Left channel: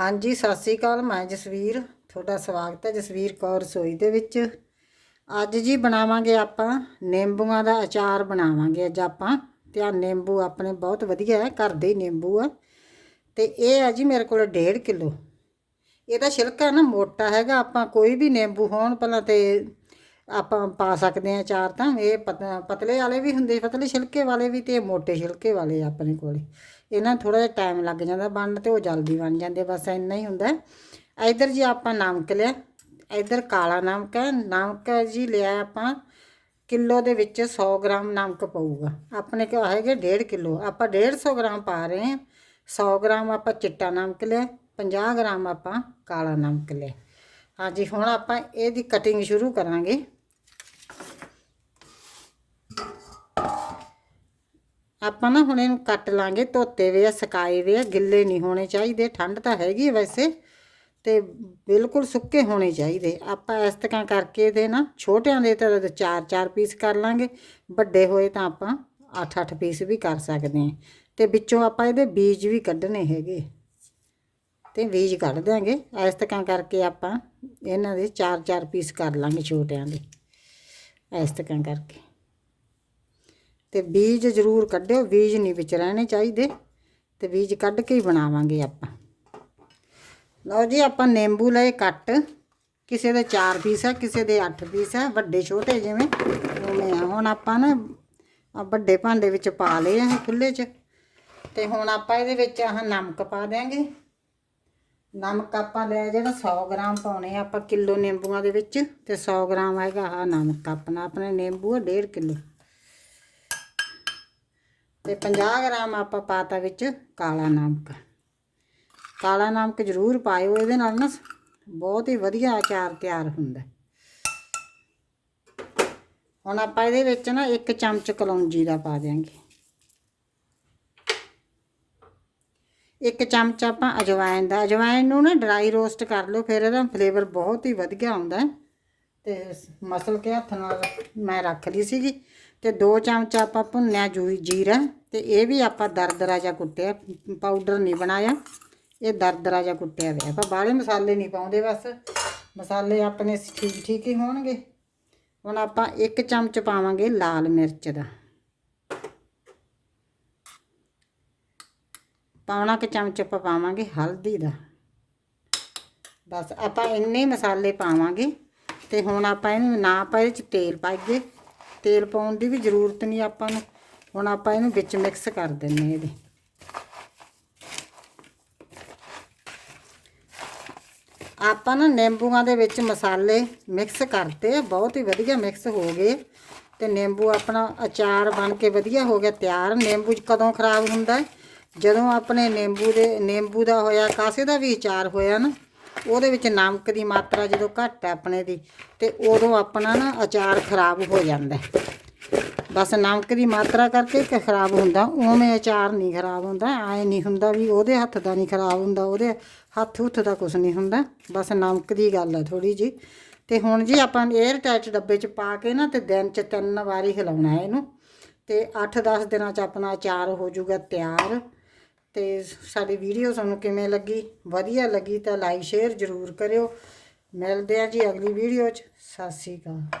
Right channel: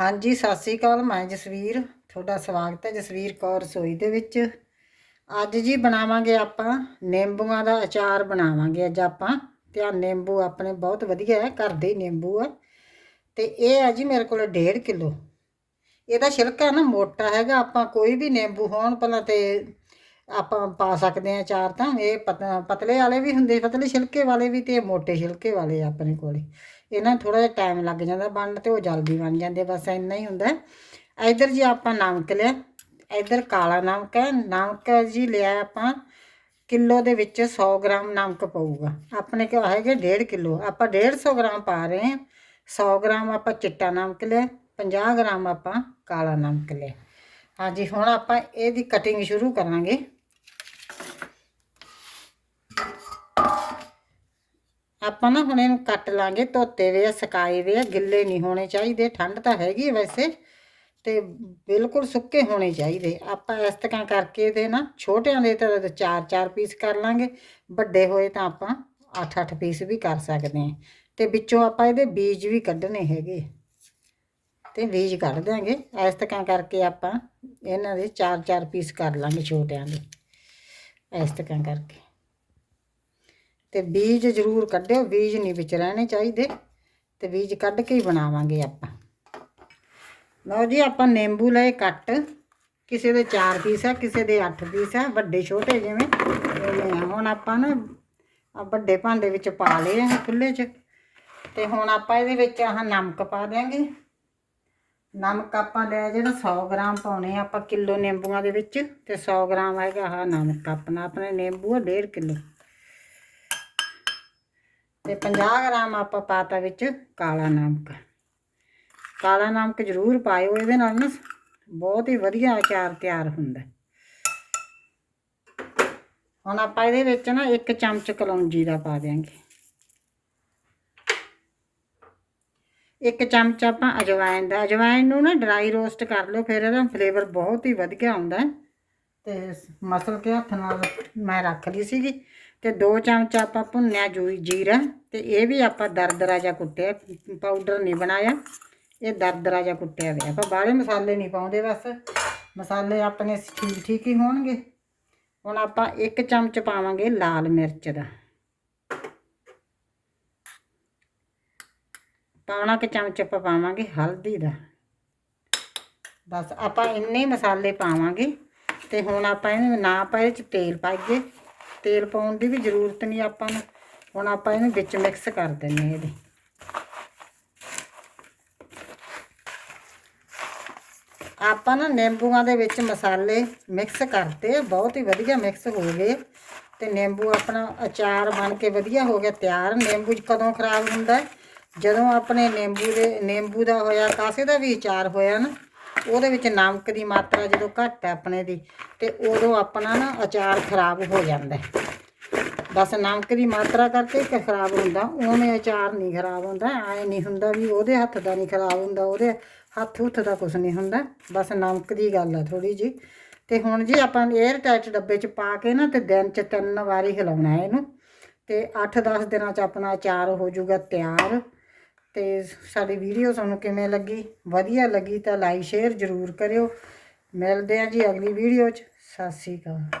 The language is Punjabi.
ਹਾਂਜੀ, ਸਤਿ ਸ੍ਰੀ ਅਕਾਲ, ਮੈਂ ਜਸਵੀਰ। ਤੁਹਾਡਾ ਸਵਾਗਤ ਹੈ ਜਸਵੀਰ ਕੌਰ ਰਸੋਈ ਦੇ ਵਿੱਚ। ਅੱਜ ਜੀ ਬਣਾਵਾਂਗੇ ਆਪਾਂ ਨਿੰਬੂਆਂ ਦਾ ਅਚਾਰ ਬਣਾਵਾਂਗੇ ਅੱਜ ਆਪਾਂ। ਤੇ ਆ ਨਿੰਬੂ ਆਪਣੇ ਬਹੁਤ ਵਧੀਆ ਹੈ, ਘਰ ਦੇ ਹੀ ਨਿੰਬੂ ਆ। ਤੇ ਇਹ ਆ ਜੀ ਮੇਰੇ ਕੋਲ 1.5 ਕਿਲੋ। ਇਹਦਾ ਛਿਲਕਾ ਨਾ ਮੋਟਾ ਹੈਗਾ, ਆਪਾਂ ਕੋਈ ਵੀ ਨਿੰਬੂ ਹੋਣ ਪਹਿਲਾਂ ਤੇ ਆਪਾਂ ਪਾ ਸਕਦੇ ਆ ਅਚਾਰ ਤਾਂ। ਇਹ ਪਤ- ਪਤਲੇ ਵਾਲੇ ਵੀ ਹੁੰਦੇ, ਪਤਲੇ ਛਿਲਕੇ ਵਾਲੇ ਵੀ ਤੇ ਇਹ ਮੋਟੇ ਛਿਲਕੇ ਵਾਲੇ ਆਪਣੇ ਕੋਲੇ। ਇਹਨਾਂ ਥੋੜਾ ਜਿਹਾ ਟਾਈਮ ਲੱਗ ਜਾਂਦਾ ਬਣਨ ਤੇ ਉਹ ਜਲਦੀ ਬਣ ਜਾਂਦੇ ਬਸ ਇੰਨਾ ਹੀ ਹੁੰਦਾ। ਇਧਰ ਜੀ ਆਪਾਂ ਨਮਕ ਲਿਆ, ਇਧਰ ਕਾਲਾ ਨਮਕ ਹੈ, ਨਮਕ ਜੀ ਲਿਆ ਆਪਾਂ ਕਿਲੋ ਦੇ ਵਿੱਚ 100 ਗ੍ਰਾਮ ਨਮਕ ਪਊਗਾ। ਆਪਣੇ ਕੋਲ ਹੈਗੇ 1.5 ਕਿਲੋ, ਆਪਾਂ 150 ਗ੍ਰਾਮ ਪਾ ਰਹੇ ਹਾਂ। 100 ਗ੍ਰਾਮ ਆਪਾਂ ਚਿੱਟਾ ਨਮਕ ਲਿਆ 50 ਗ੍ਰਾਮ ਆਪਾਂ ਕਾਲਾ ਨਮਕ ਲਿਆ। ਹਾਂਜੀ, ਹੁਣ ਆਪਾਂ ਇਹਦੀ ਕਟਿੰਗ ਸ਼ੁਰੂ ਕਰਾਂਗੇ। ਆਪਾਂ ਨਾ ਹੁਣ ਇਹਨੂੰ ਕੱਟ ਲਾਂਗੇ, ਧੋਤੇ ਵੇ ਆ, ਸੁਕਾਏ ਵੇ ਆ, ਗਿੱਲੇ ਨਹੀਂ ਹੋਣੇ ਚਾਹੀਦੇ, ਠੰਡ ਤਾਂ ਹੈਗੀ ਵੈਸੇ, ਤੇ ਬਿਲਕੁਲ ਸੁੱਕੇ ਹੋਣੇ ਚਾਹੀਦੇ। ਆਪਾਂ ਇਸ ਤਰ੍ਹਾਂ ਕਰਕੇ ਇਹਦੇ ਨਾ ਛੋਟਿਆਂ ਦੇ ਤਾਂ ਚਾਰ ਚਾਰ ਪੀਸ ਕਰ ਲਾਂਗੇ, ਵੱਡੇ ਹੋਏ ਤਾਂ ਆਪਾਂ 8-8 ਪੀਸ ਵੀ ਕਰ ਸਕਦੇ ਹਾਂ। ਤੇ ਵਿੱਚੋਂ ਆਪਾਂ ਇਹਦੇ ਬੀਜ ਵੀ ਕੱਢਣੇ ਹੈਗੇ। ਤੇ ਬੀਜ ਕੱਢ ਦਿਆਂਗੇ। ਇਸ ਤਰ੍ਹਾਂ ਕਰਕੇ ਆਪਾਂ ਇਹਨਾਂ ਦੇ ਚਾਰ ਚਾਰ ਪੀਸ ਕਰ ਲਾਂਗੇ ਛੋਟਿਆਂ ਦੇ। ਇਸ ਤਰ੍ਹਾਂ ਕਰਕੇ। ਤੇ ਬੀਜ ਜ਼ਰੂਰ ਕੱਢਿਓ, ਬੀਜ ਨਹੀਂ ਵਿੱਚ ਰਹਿਣੇ ਚਾਹੀਦੇ। ਤੇ ਬੀਜ ਕੱਢ ਕੇ ਹੀ ਬਣਾਵਾਂਗੇ ਆਪਾਂ। ਲਓ ਜੀ, ਆਪਾਂ ਨਿੰਬੂ ਲਏ ਕੱਟ ਕਿਸੇ ਦੇ 4 ਪੀਸ ਹੈ, ਕਿਸੇ ਦੇ 8 ਪੀਸ ਹੈ, ਵੱਡੇ ਛੋਟੇ ਜਿਵੇਂ। ਉਵੇਂ ਆ। ਹੁਣ ਆਪਾਂ ਨਾ ਵੱਡੇ ਭਾਂਡੇ ਵਿੱਚ ਪਾ ਲਏ ਆ ਖੁੱਲੇ 'ਚ। ਤੇ ਹੁਣ ਆਪਾਂ ਇਹਦੇ ਵਿੱਚ ਆਹ ਨਮਕ ਪਾ ਦਿਆਂਗੇ। ਨਮਕ ਆਪਾਂ ਲੈ ਜਿਹੜਾ 100 ਗ੍ਰਾਮ ਪਾਉਣੇ ਆ ਆਪਾਂ ਕਿਲੋ ਨਿੰਬੂਆਂ ਦੇ ਵਿੱਚ। ਤੇ 100 ਗ੍ਰਾਮ ਹੈਗਾ ਆਹ ਨਮਕ। ਆਪਣਾ ਆਪਣੇ ਨਿੰਬੂ ਆ 1.5 ਕਿਲੋ। ਤੇ 50 ਗ੍ਰਾਮ ਆਪਾਂ ਪਾਤਾ ਵਿੱਚ ਕਾਲਾ ਨਮਕ। ਕਾਲਾ ਨਮਕ ਜ਼ਰੂਰ ਪਾਇਓ, ਇਹਦੇ ਨਾਲ ਨਾ ਬਹੁਤ ਹੀ ਵਧੀਆ ਅਚਾਰ ਤਿਆਰ ਹੁੰਦਾ। ਹੁਣ ਆਪਾਂ ਇਹਦੇ ਵਿੱਚ ਨਾ ਇੱਕ ਚਮਚ ਕਲੌਂਜੀ ਦਾ ਪਾ ਦਿਆਂਗੇ। ਇੱਕ ਚਮਚ ਆਪਾਂ ਅਜਵਾਇਨ ਦਾ ਅਜਵਾਇਨ ਨੂੰ ਨਾ ਡਰਾਈ ਰੋਸਟ ਕਰ ਲਓ, ਫਿਰ ਇਹਦਾ ਫਲੇਵਰ ਬਹੁਤ ਹੀ ਵਧੀਆ ਆਉਂਦਾ। ਹੈ ਤੇ ਮਸਲ ਕੇ ਹੱਥ ਨਾਲ ਮੈਂ ਰੱਖ ਲਈ ਸੀਗੀ। ਤੇ ਦੋ ਚਮਚ ਆਪਾਂ ਭੁੰਨਿਆ ਜੂਈ ਜੀਰਾ ਤੇ ਇਹ ਵੀ ਆਪਾਂ ਦਰਦਰਾ ਜਿਹਾ ਕੁੱਟਿਆ ਪਾਊਡਰ ਨਹੀਂ ਬਣਾਇਆ। ਇਹ ਦਰਦਰਾ ਜਿਹਾ ਕੁੱਟਿਆ ਹੋਇਆ। ਆਪਾਂ ਬਾਹਲੇ ਮਸਾਲੇ ਨਹੀਂ ਪਾਉਂਦੇ ਬਸ। ਮਸਾਲੇ ਆਪਣੇ ਠੀਕ ਠੀਕ ਹੀ ਹੋਣਗੇ। ਹੁਣ ਆਪਾਂ ਇੱਕ ਚਮਚ ਪਾਵਾਂਗੇ ਲਾਲ ਮਿਰਚ ਦਾ। ਪਾਉਣਾ ਕੁ ਚਮਚ ਆਪਾਂ ਪਾਵਾਂਗੇ ਹਲਦੀ ਦਾ। ਬਸ ਆਪਾਂ ਇੰਨੇ ਮਸਾਲੇ ਪਾਵਾਂਗੇ ਤੇ ਹੁਣ ਆਪਾਂ ਇਹਨੂੰ ਨਾ ਪਾਏ ਚ ਤੇਲ ਪਾਈਏ। ਤੇਲ ਪਾਉਣ ਦੀ ਵੀ ਜ਼ਰੂਰਤ ਨਹੀਂ ਆਪਾਂ ਨੂੰ। ਹੁਣ ਆਪਾਂ ਇਹਨੂੰ ਵਿੱਚ ਮਿਕਸ ਕਰ ਦਿੰਨੇ ਇਹਦੇ। ਆਪਾਂ ਨਾ ਨਿੰਬੂਆਂ ਦੇ ਵਿੱਚ ਮਸਾਲੇ ਮਿਕਸ ਕਰਤੇ ਬਹੁਤ ਹੀ ਵਧੀਆ ਮਿਕਸ ਹੋ ਗਏ। ਤੇ ਨਿੰਬੂ ਆਪਣਾ ਅਚਾਰ ਬਣ ਕੇ ਵਧੀਆ ਹੋ ਗਿਆ, ਤਿਆਰ। ਨਿੰਬੂ ਕਦੋਂ ਖਰਾਬ ਹੁੰਦਾ? ਜਦੋਂ ਆਪਣੇ ਨਿੰਬੂ ਦੇ ਨਿੰਬੂ ਦਾ ਹੋਇਆ, ਕਾਸੇ ਦਾ ਵੀ ਅਚਾਰ ਹੋਇਆ ਨਾ ਉਹਦੇ ਵਿੱਚ ਨਮਕ ਦੀ ਮਾਤਰਾ ਜਦੋਂ ਘੱਟ ਹੈ ਆਪਣੇ ਦੀ, ਤੇ ਉਦੋਂ ਆਪਣਾ ਨਾ ਅਚਾਰ ਖਰਾਬ ਹੋ ਜਾਂਦਾ ਬਸ ਨਮਕ ਦੀ ਮਾਤਰਾ ਕਰਕੇ ਕਿ ਖਰਾਬ ਹੁੰਦਾ, ਉਵੇਂ ਅਚਾਰ ਨਹੀਂ ਖਰਾਬ ਹੁੰਦਾ, ਐ ਨਹੀਂ ਹੁੰਦਾ ਵੀ ਉਹਦੇ ਹੱਥ ਦਾ ਨਹੀਂ ਖਰਾਬ ਹੁੰਦਾ, ਉਹਦੇ ਹੱਥ ਹੁੱਥ ਦਾ ਕੁਝ ਨਹੀਂ ਹੁੰਦਾ, ਬਸ ਨਮਕ ਦੀ ਗੱਲ ਆ ਥੋੜੀ ਜੀ ਤੇ ਹੁਣ ਜੀ ਆਪਾਂ 에ਅਰ ਟਾਈਟ ਡੱਬੇ 'ਚ ਪਾ ਕੇ ਨਾ, ਤੇ ਦਿਨ 'ਚ ਤਿੰਨ ਵਾਰੀ ਹਿਲਾਉਣਾ ਹੈ ਇਹਨੂੰ। ਤੇ 8-10 ਦਿਨਾਂ 'ਚ ਆਪਣਾ ਅਚਾਰ ਹੋ ਜਾਊਗਾ ਤਿਆਰ। ਤੇ ਸਾਡੀ ਵੀਡੀਓ ਤੁਹਾਨੂੰ ਕਿਵੇਂ ਲੱਗੀ? ਵਧੀਆ ਲੱਗੀ ਤਾਂ ਲਾਈਕ ਸ਼ੇਅਰ ਜ਼ਰੂਰ ਕਰਿਓ। ਮਿਲਦੇ ਆ ਜੀ ਅਗਲੀ ਵੀਡੀਓ 'ਚ। ਸਤਿ ਸ਼੍ਰੀ ਅਕਾਲ।